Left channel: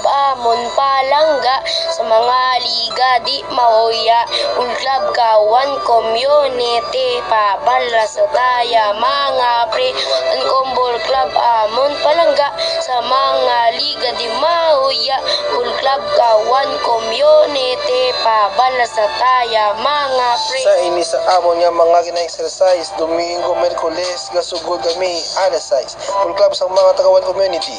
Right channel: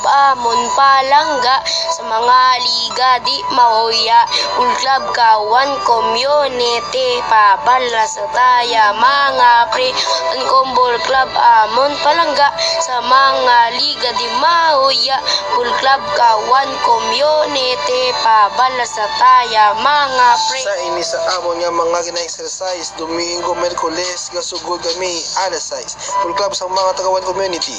Club Amon Palangga sa mga liga di mauya. Pool Club Kawan Community pabala sa taya mga pre. Ang Kumbol Club Amon Palangga sa mga liga di mauya. Pool Club Kawan Community pabala sa taya mga pre. Sa ini sa amon nga mga gina-exercise Domingo, Merkules gasugod kami anasize. Full club sa mga tagawan community.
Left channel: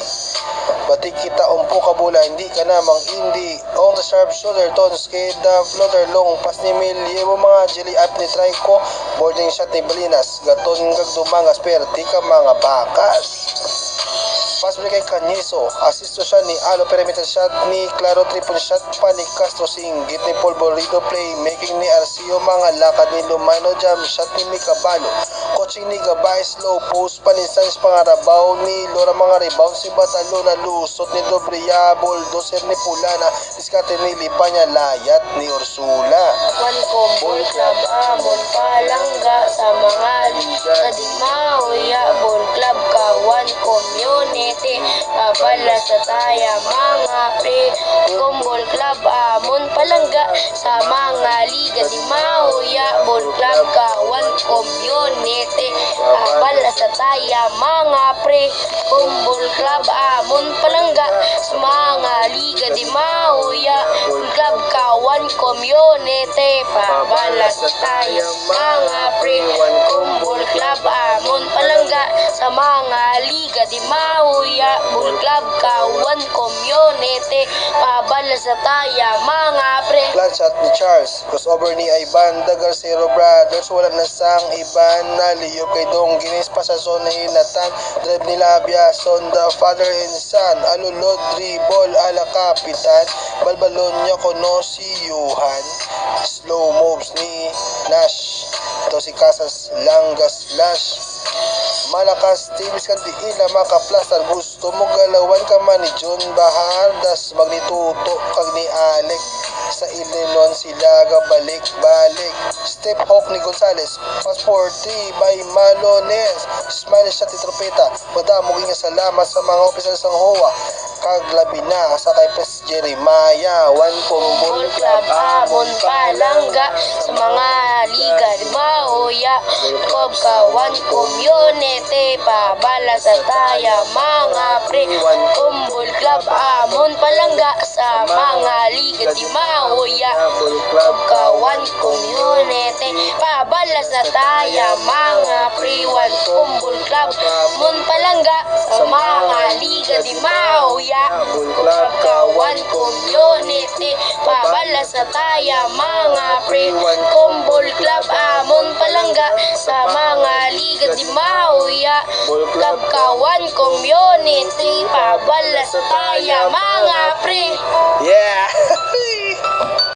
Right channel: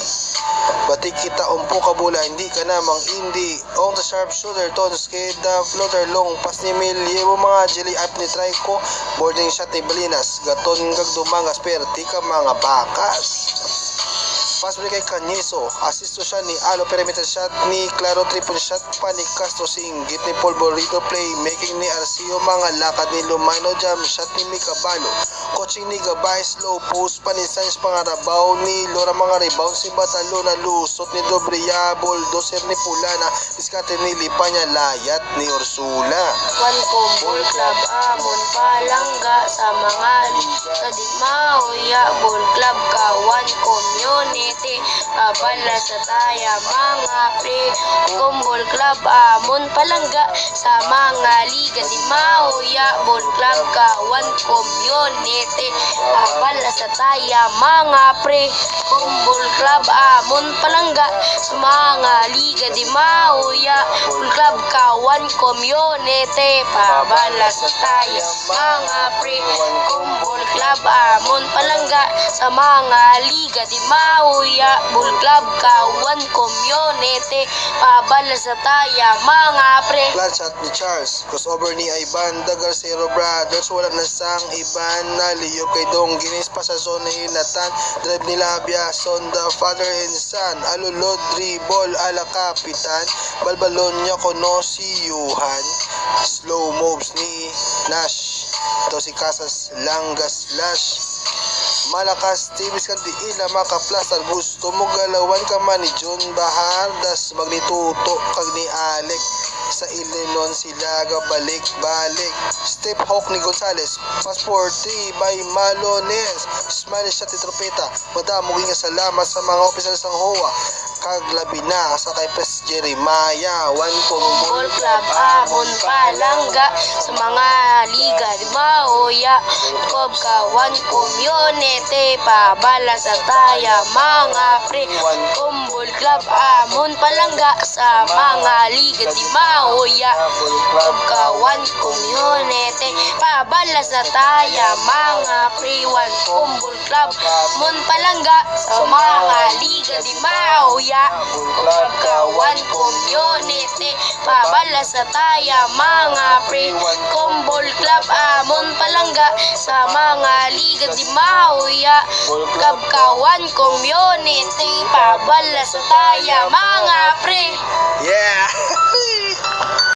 Pati kita umpo kabula hindi ka na mang indi on the sharp shoulder ton skeda floater long pas ni milyewo mga jelly up ni try ko boarding shot ni Balinas gaton kag dumangas perti ka mga bakas. Pas balik kay Canizo, asisto siya ni Alo perimeter shot ni Claro triple shot pa ni Castro singgit ni Polvorito play making ni Arcio mga lakad ni Lumano jam shot ni Micabalo coaching ni Gabay slow post pa ni Sainz pangarabaw ni Lora mga rebound si Batalo na lusot ni Dobria bulldozer ni Pulana diskarte ni Lipanya layat ni Ursula. One Kumbol Club Amon Palangga sa mga liga di mauya. Ball Club Kawan Community pabala sa taya mga pre. Kumbol Club Amon Palangga sa mga liga di mauya. Ball Club Kawan Community pabala sa taya mga pre. Kumbol Club Amon Palangga sa mga liga di mauya. Ball Club Kawan Community pabala sa taya mga pre. Kumbol Club Amon Palangga sa mga liga di mauya. Ball Club Kawan Community pabala sa taya mga pre. Flat shot ni Charles crossover ni Ivan the Garcero Brothers wala na sang Ivan na liyo kay Dong Ginis pa sa zona hinatan drive ni Labia son the father and son alulod dribble ala kapitan balbalon niya kono si Yuhan slow moves ni Nash ito si Casas Langas Lash malakas tibis kan diila makaplastar gusto mo galawan ka man ni John Bahar das magnituto kag ni Alec sa Illinois sila balik step hawk ni Gonzales passport 3 by Malones smile shot ni Tropeta madamo nga salamat sa mga officers ng HOA kag labi na sa kay Pres Jeremiah. One Kumbol Club Amon Palangga sa mga liga di mauya. Club Kawan Community pabala sa taya mga pre. Kumbol Club Amon Palangga sa mga liga di mauya. Club Kawan Community pabala sa taya mga pre. One Kumbol Club Amon Palangga sa mga liga di mauya. Club Kawan Community pabala sa taya mga pre. Kumbol Club Amon Palangga sa mga liga di mauya. Club Kawan Community pabala sa taya mga pre. Yeah.